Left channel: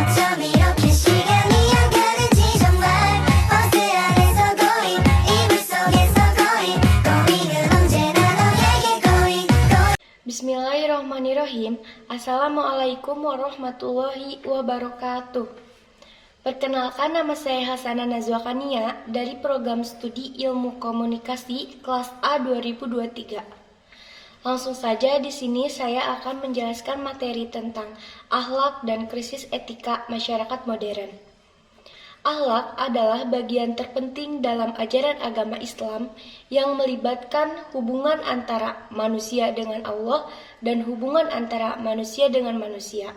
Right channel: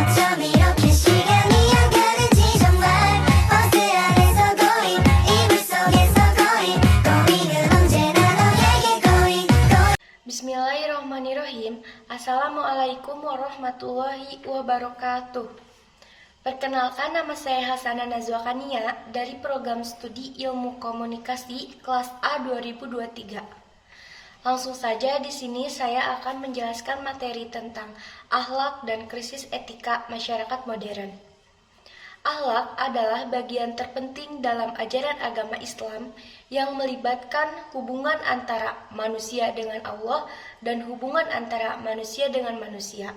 어쩜 이렇게 시간이 안 가는지 정말 버스 안에서 고인 이불 속에서 고인은 언제나 너에게 고인. Bismillahirrahmanirrahim. Assalamualaikum warahmatullahi wabarakatuh. Perkenalkan, nama saya Hasanah Nazwa Kania dari program studi Ilmu Komunikasi kelas A 2023. Langsung saja di sini saya akan menjelaskan materi tentang akhlak dan krisis etika masyarakat modern. Akhlak adalah bagian terpenting dalam ajaran agama Islam yang melibatkan hubungan antara manusia dengan Allah dan hubungan antara manusia dengan manusia.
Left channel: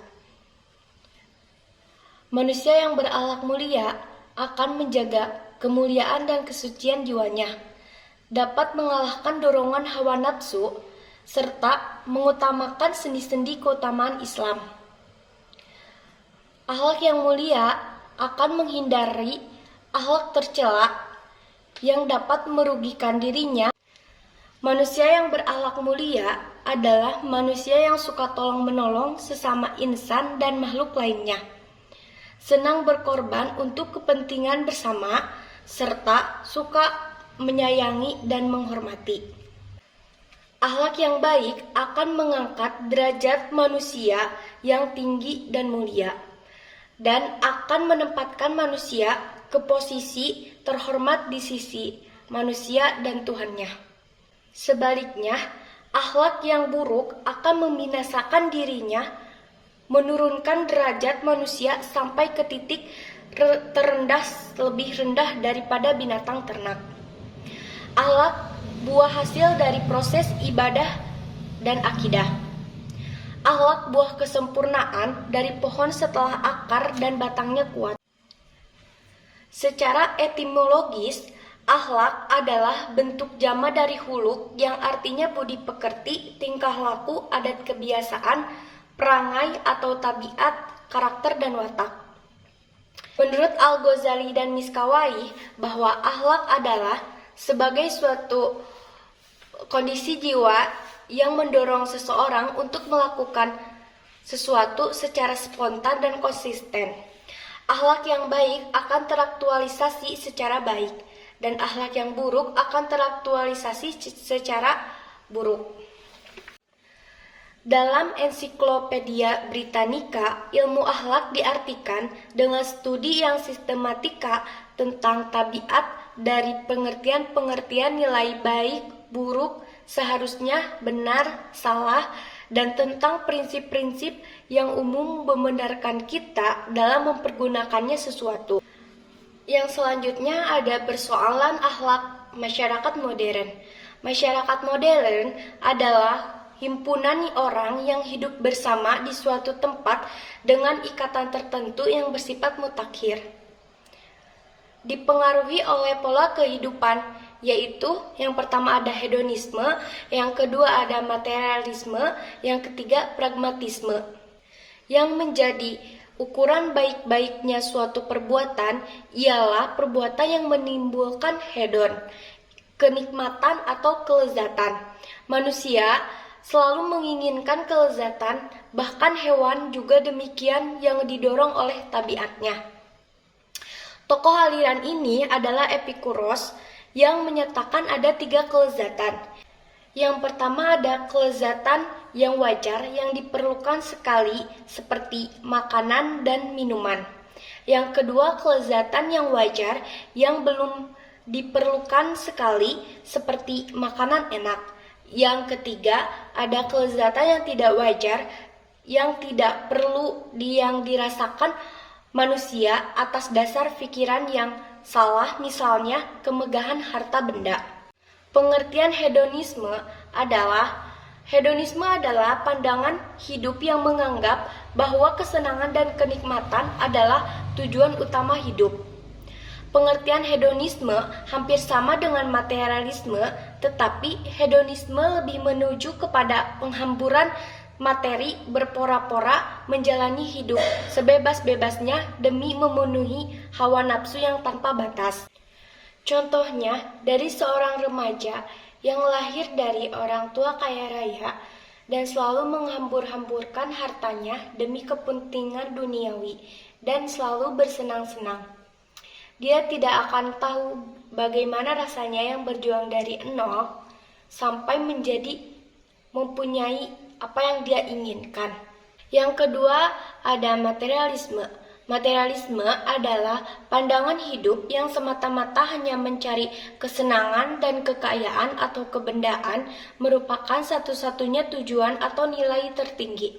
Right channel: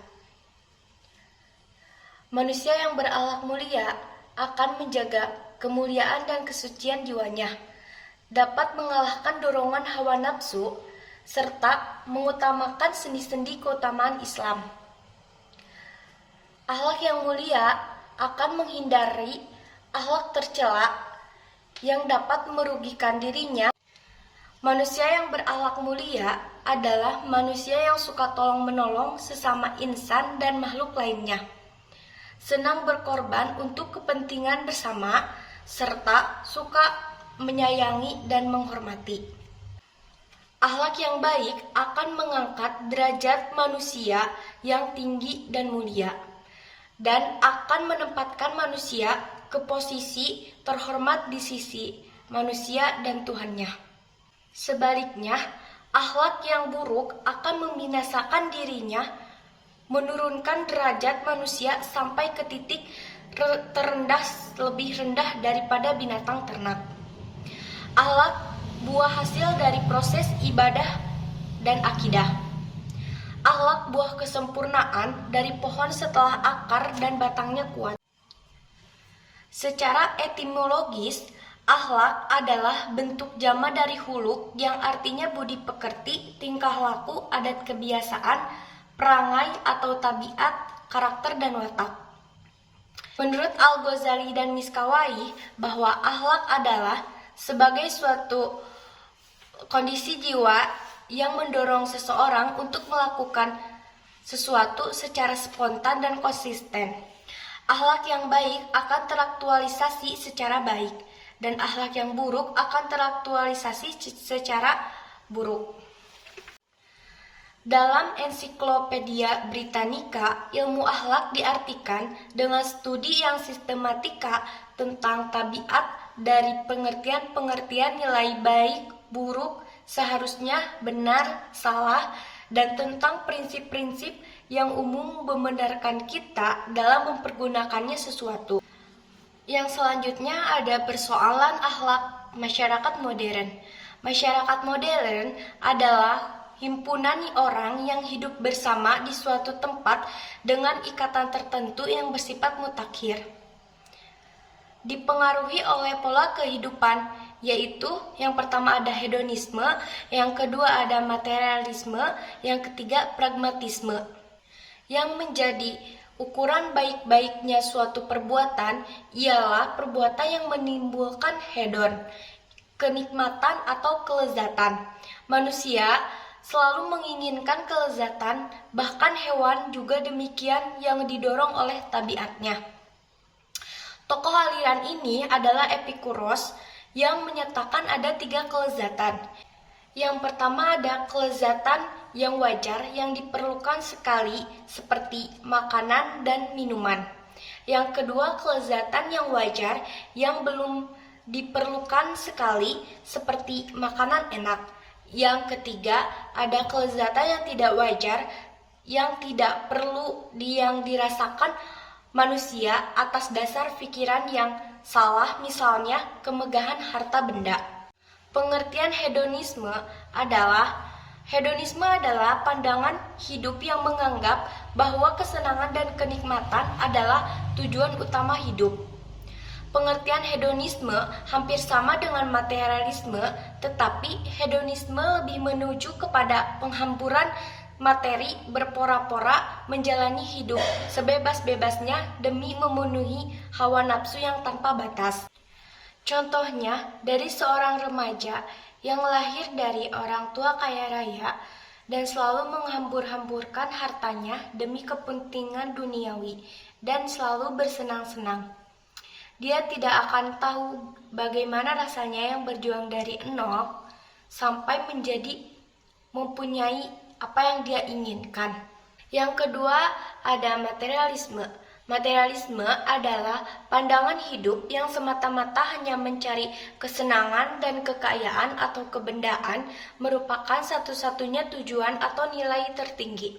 Manusia yang berakhlak mulia akan menjaga kemuliaan dan kesucian jiwanya, dapat mengalahkan dorongan hawa nafsu, serta mengutamakan sendi-sendi keutamaan Islam. Akhlak yang mulia akan menghindari akhlak tercela yang dapat merugikan dirinya. Manusia yang berakhlak mulia adalah manusia yang suka tolong-menolong sesama insan dan makhluk lainnya, senang berkorban untuk kepentingan bersama, serta suka menyayangi dan menghormati. Akhlak yang baik akan mengangkat derajat manusia yang tinggi dan mulia, dan akan menempatkan manusia ke posisi terhormat di sisi manusia dan Tuhannya. Sebaliknya, akhlak yang buruk akan membinasakan dirinya, menurunkan derajat manusia sampai ke titik terendah, lebih rendah daripada binatang ternak. Akhlak buah hasil dari proses ibadah dan akidah. Akhlak buah kesempurnaan dari pohon setelah akar dan batangnya kuat. Secara etimologis, akhlak adalah bentuk jama dari huluk yang artinya budi pekerti, tingkah laku, adat kebiasaan, perangai atau tabiat, karakter dan watak. Menurut Al-Ghazali dan Miskawai, bahwa akhlak adalah sebagai suatu kondisi jiwa yang mendorong seseorang untuk melakukan sesuatu secara spontan dan konsisten. Akhlak yang baik akan teraktualisasi secara baik, dan akhlak yang buruk akan teraktualisasi secara buruk. Dalam Ensiklopedia Britannica, ilmu akhlak diartikan dengan studi yang sistematika tentang tabiat dari pengertian-pengertian nilai baik, buruk, seharusnya, benar, salah, dan tentang prinsip-prinsip yang umum membenarkan kita dalam mempergunakannya sesuatu. Yang selanjutnya ada persoalan akhlak masyarakat modern. Masyarakat modern adalah himpunan orang yang hidup bersama di suatu tempat dengan ikatan tertentu yang bersifat mutakhir, dipengaruhi oleh pola kehidupan, yaitu yang pertama ada hedonisme, yang kedua ada materialisme, yang ketiga pragmatisme. Yang menjadi ukuran baik-baiknya suatu perbuatan ialah perbuatan yang menimbulkan hedon, kenikmatan atau kelezatan. Manusia selalu menginginkan kelezatan, bahkan hewan juga demikian yang didorong oleh tabiatnya. Tokoh aliran ini adalah Epikuros yang menyatakan ada 3 kelezatan. Yang pertama ada kelezatan yang wajar yang diperlukan sekali seperti makanan dan minuman. Yang kedua kelezatan yang wajar yang belum diperlukan sekali seperti makanan enak. Yang ketiga ada kelezatan yang tidak wajar yang tidak perlu yang dirasakan manusia atas dasar pikiran yang salah, misalnya kemegahan harta benda. Pengertian hedonisme adalah pandangan hidup yang menganggap bahwa kesenangan dan kenikmatan adalah tujuan utama hidup. Pengertian hedonisme hampir sama dengan materialisme, tetapi hedonisme lebih menuju kepada penghamburan materi berpora-pora menjalani hidup sebebas-bebasnya demi memenuhi hawa nafsu yang tanpa batas. Contohnya, dari seorang remaja yang lahir dari orang tua kaya raya dan selalu menghambur-hamburkan hartanya demi kepentingan duniawi dan selalu bersenang-senang. Dia tidak akan tahu bagaimana rasanya yang berjuang dari nol sampai menjadi mempunyai apa yang dia inginkan. Yang kedua ada materialisme. Materialisme adalah pandangan hidup yang semata-mata hanya mencari kesenangan dan kekayaan atau kebendaan merupakan satu-satunya tujuan atau nilai tertinggi.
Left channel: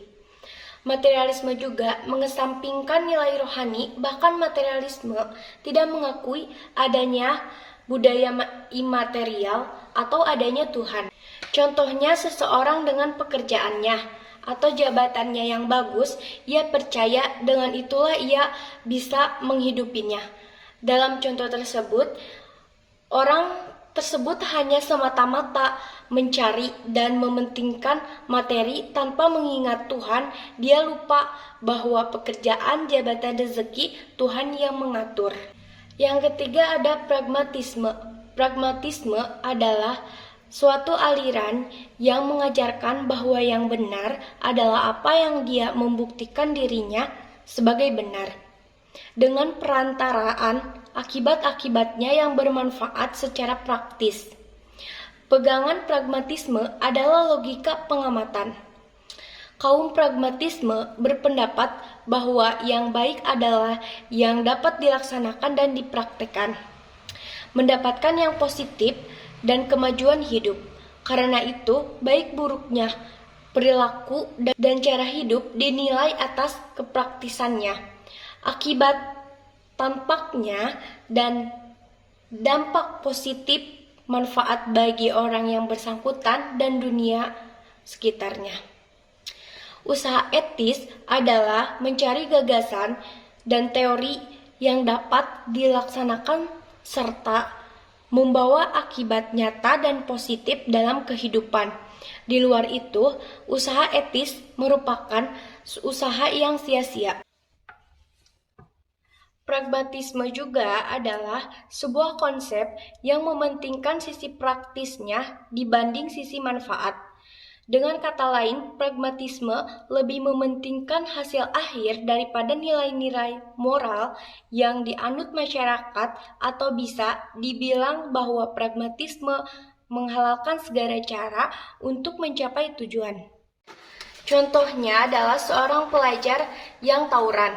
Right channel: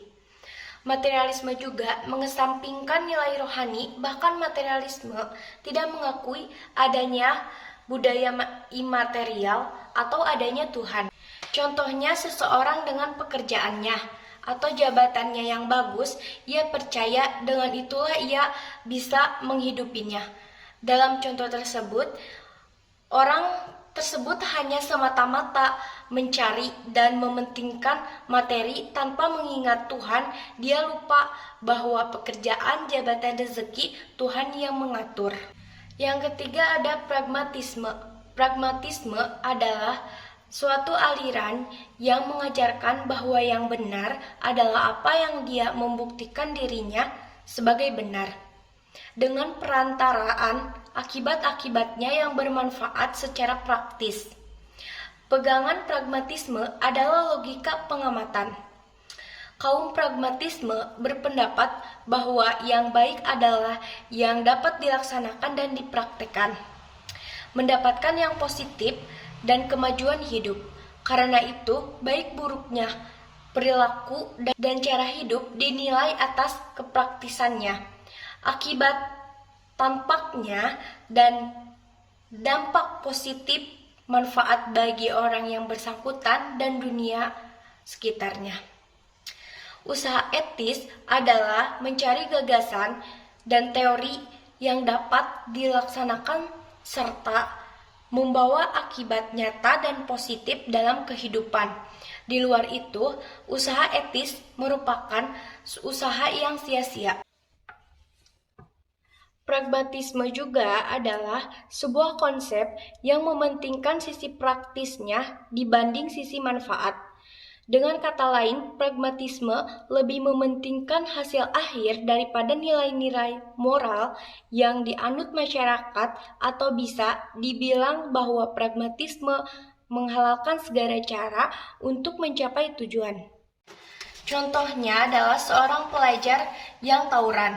Materialisme juga mengesampingkan nilai rohani, bahkan materialisme tidak mengakui adanya budaya imaterial atau adanya Tuhan. Contohnya seseorang dengan pekerjaannya atau jabatannya yang bagus, ia percaya dengan itulah ia bisa menghidupinya. Dalam contoh tersebut, orang tersebut hanya semata-mata mencari dan mementingkan materi tanpa mengingat Tuhan. Dia lupa bahwa pekerjaan, jabatan, rezeki Tuhan yang mengatur. Yang ketiga ada pragmatisme. Pragmatisme adalah suatu aliran yang mengajarkan bahwa yang benar adalah apa yang dia membuktikan dirinya sebagai benar, dengan perantaraan akibat-akibatnya yang bermanfaat secara praktis. Pegangan pragmatisme adalah logika pengamatan. Kaum pragmatisme berpendapat bahwa yang baik adalah yang dapat dilaksanakan dan dipraktekkan, mendapatkan yang positif dan kemajuan hidup. Karena itu, baik buruknya perilaku dan cara hidup dinilai atas kepraktisannya, akibat tampaknya, dan dampak positif manfaat bagi orang yang bersangkutan dan dunia sekitarnya. Usaha etis adalah mencari gagasan dan teori yang dapat dilaksanakan serta membawa akibat nyata dan positif dalam kehidupan. Di luar itu, usaha etis merupakan usaha yang sia-sia. Pragmatisme juga adalah sebuah konsep yang mementingkan sisi praktisnya dibanding sisi manfaat. Dengan kata lain, pragmatisme lebih mementingkan hasil akhir daripada nilai-nilai moral yang dianut masyarakat, atau bisa dibilang bahwa pragmatisme menghalalkan segala cara untuk mencapai tujuan. Contohnya adalah seorang pelajar yang tawuran.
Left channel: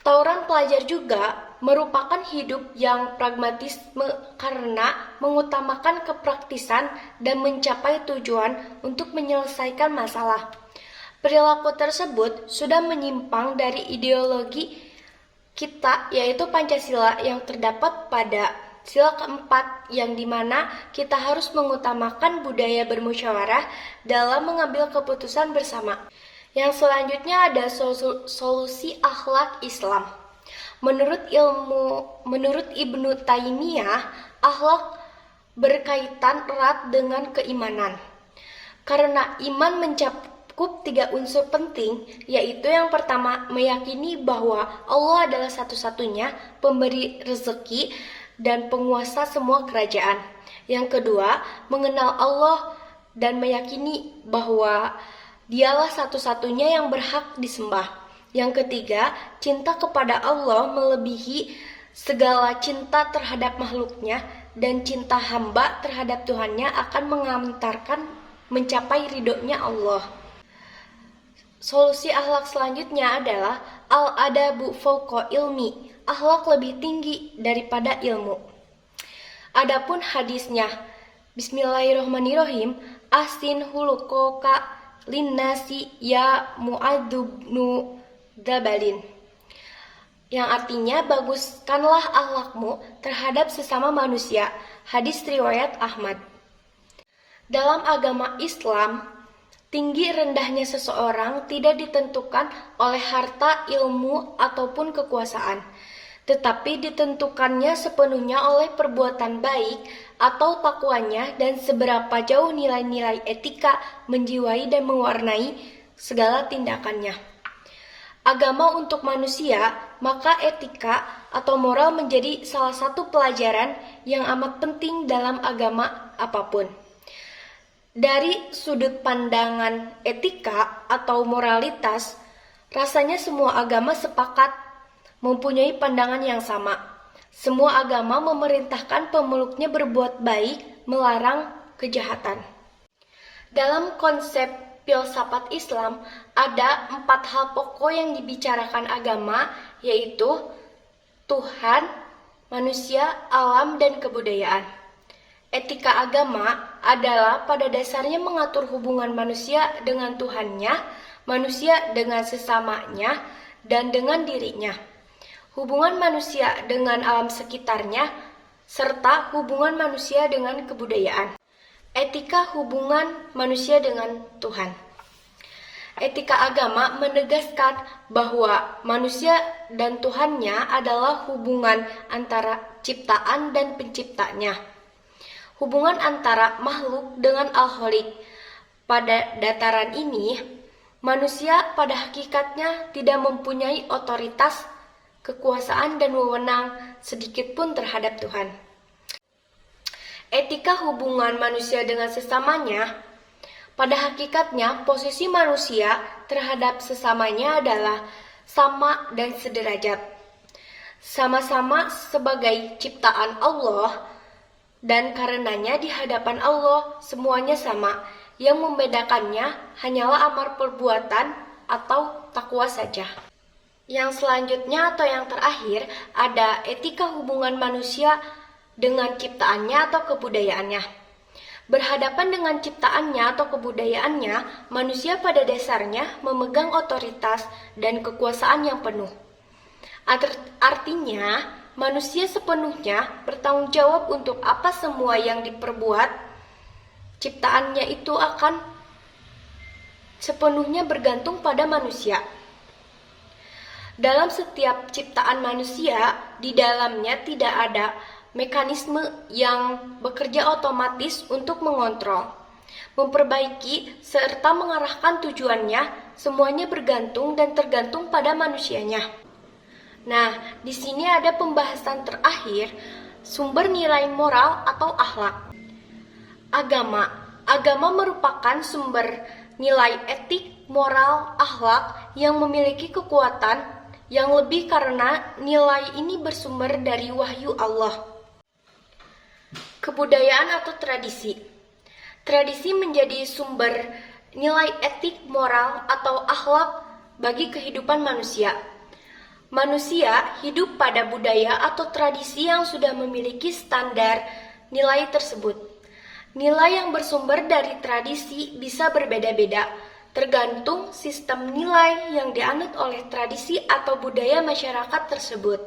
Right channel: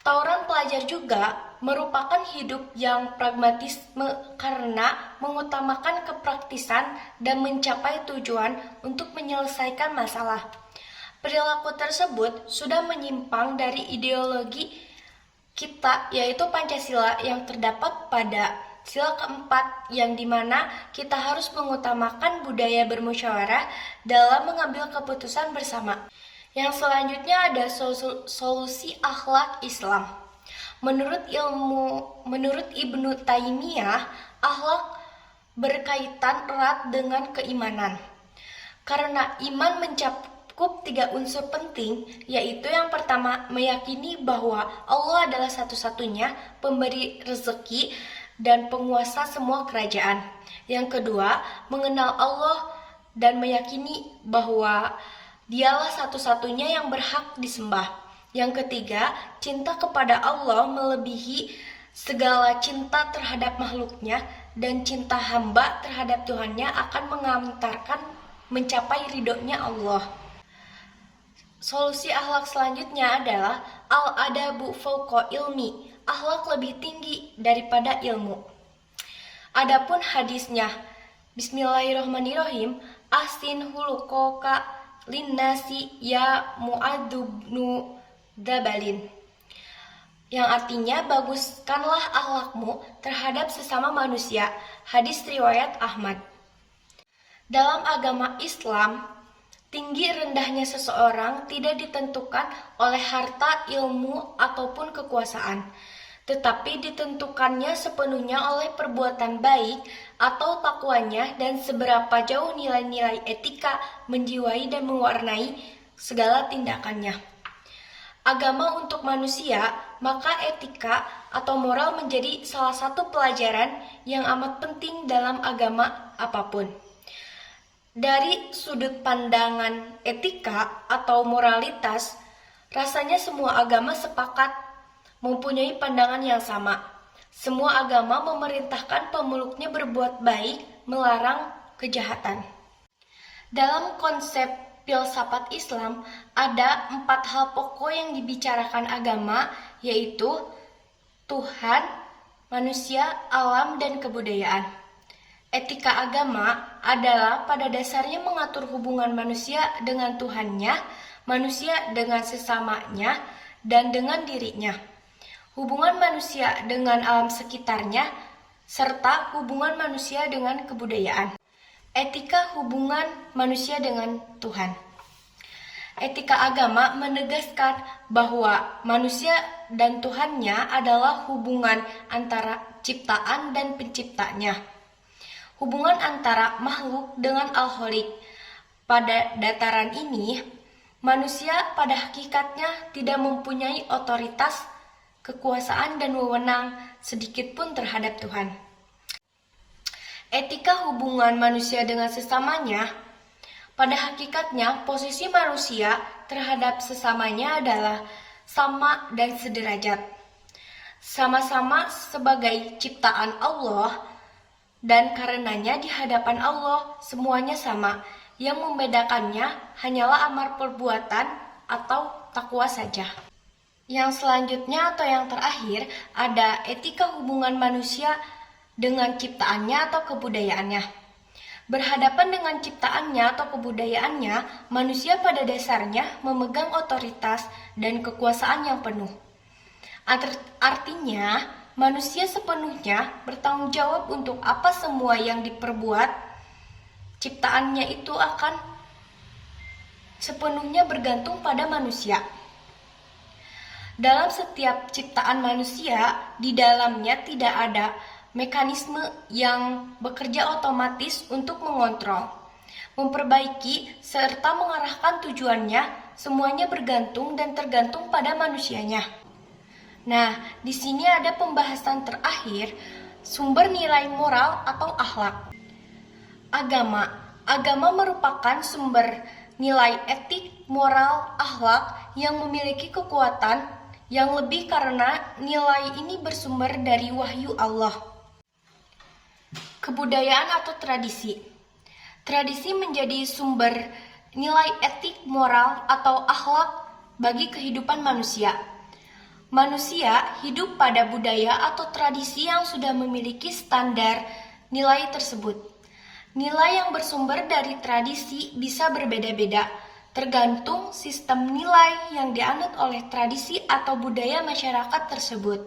Tawuran pelajar juga merupakan hidup yang pragmatisme karena mengutamakan kepraktisan dan mencapai tujuan untuk menyelesaikan masalah. Perilaku tersebut sudah menyimpang dari ideologi kita, yaitu Pancasila, yang terdapat pada sila keempat, yang dimana kita harus mengutamakan budaya bermusyawarah dalam mengambil keputusan bersama. Yang selanjutnya ada solusi akhlak Islam. Menurut Ibnu Taimiyah, akhlak berkaitan erat dengan keimanan. Karena iman mencakup 3 unsur penting, yaitu yang pertama, meyakini bahwa Allah adalah satu-satunya pemberi rezeki dan penguasa semua kerajaan. Yang kedua, mengenal Allah dan meyakini bahwa Dialah satu-satunya yang berhak disembah. Yang ketiga, cinta kepada Allah melebihi segala cinta terhadap makhluknya, dan cinta hamba terhadap Tuhannya akan mengantarkan mencapai ridhonya Allah. Solusi akhlak selanjutnya adalah al-adabu fauqa ilmi. Akhlak lebih tinggi daripada ilmu. Adapun hadisnya, Bismillahirrahmanirrahim, ahsin hulukoka linnasi ya Mu'adzubnu Dabalin, yang artinya baguskanlah akhlakmu terhadap sesama manusia. Hadis riwayat Ahmad. Dalam agama Islam, tinggi rendahnya seseorang tidak ditentukan oleh harta, ilmu, ataupun kekuasaan, tetapi ditentukannya sepenuhnya oleh perbuatan baik atau takwanya dan seberapa jauh nilai-nilai etika menjiwai dan mewarnai segala tindakannya. Agama untuk manusia, maka etika atau moral menjadi salah satu pelajaran yang amat penting dalam agama apapun. Dari sudut pandangan etika atau moralitas, rasanya semua agama sepakat mempunyai pandangan yang sama. Semua agama memerintahkan pemeluknya berbuat baik, melarang kejahatan. Dalam konsep filsafat Islam, ada 4 hal pokok yang dibicarakan agama, yaitu Tuhan, manusia, alam, dan kebudayaan. Etika agama adalah pada dasarnya mengatur hubungan manusia dengan Tuhannya, manusia dengan sesamanya, dan dengan dirinya. Hubungan manusia dengan alam sekitarnya, serta hubungan manusia dengan kebudayaan. Etika hubungan manusia dengan Tuhan. Etika agama menegaskan bahwa manusia dan Tuhannya adalah hubungan antara ciptaan dan penciptanya. Hubungan antara makhluk dengan Al-Khaliq. Pada dataran ini, manusia pada hakikatnya tidak mempunyai otoritas, kekuasaan, dan wewenang sedikitpun terhadap Tuhan. Etika hubungan manusia dengan sesamanya, pada hakikatnya posisi manusia terhadap sesamanya adalah sama dan sederajat. Sama-sama sebagai ciptaan Allah, dan karenanya di hadapan Allah semuanya sama. Yang membedakannya hanyalah amar perbuatan atau takwa saja. Yang selanjutnya atau yang terakhir ada etika hubungan manusia dengan ciptaannya atau kebudayaannya. Berhadapan dengan ciptaannya atau kebudayaannya, manusia pada dasarnya memegang otoritas dan kekuasaan yang penuh. Artinya, manusia sepenuhnya bertanggung jawab untuk apa semua yang diperbuat. Ciptaannya itu akan sepenuhnya bergantung pada manusia. Dalam setiap ciptaan manusia, di dalamnya tidak ada mekanisme yang bekerja otomatis untuk mengontrol, memperbaiki, serta mengarahkan tujuannya. Semuanya bergantung dan tergantung pada manusianya. Nah, di sini ada pembahasan terakhir, sumber nilai moral atau akhlak. Agama merupakan sumber nilai etik, moral, akhlak yang memiliki kekuatan yang lebih karena nilai ini bersumber dari wahyu Allah. Kebudayaan atau tradisi. Tradisi menjadi sumber nilai etik, moral, atau akhlak bagi kehidupan manusia. Manusia hidup pada budaya atau tradisi yang sudah memiliki standar nilai tersebut. Nilai yang bersumber dari tradisi bisa berbeda-beda, tergantung sistem nilai yang dianut oleh tradisi atau budaya masyarakat tersebut.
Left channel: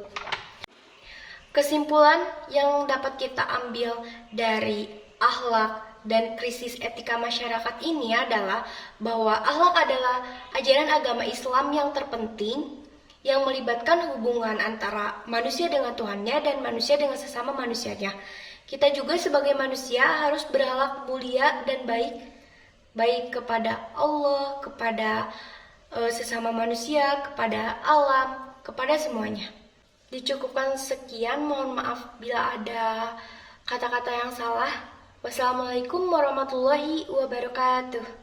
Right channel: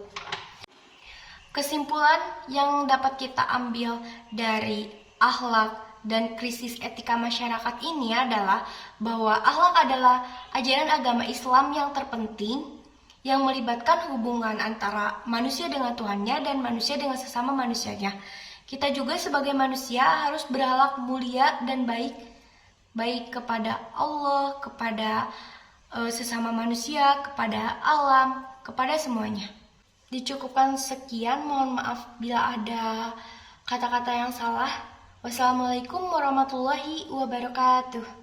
Kesimpulan yang dapat kita ambil dari akhlak dan krisis etika masyarakat ini adalah bahwa akhlak adalah ajaran agama Islam yang terpenting, yang melibatkan hubungan antara manusia dengan Tuhannya dan manusia dengan sesama manusianya. Kita juga sebagai manusia harus berakhlak mulia dan baik kepada Allah, kepada sesama manusia, kepada alam, kepada semuanya. Dicukupkan sekian, mohon maaf bila ada kata-kata yang salah. Wassalamualaikum warahmatullahi wabarakatuh.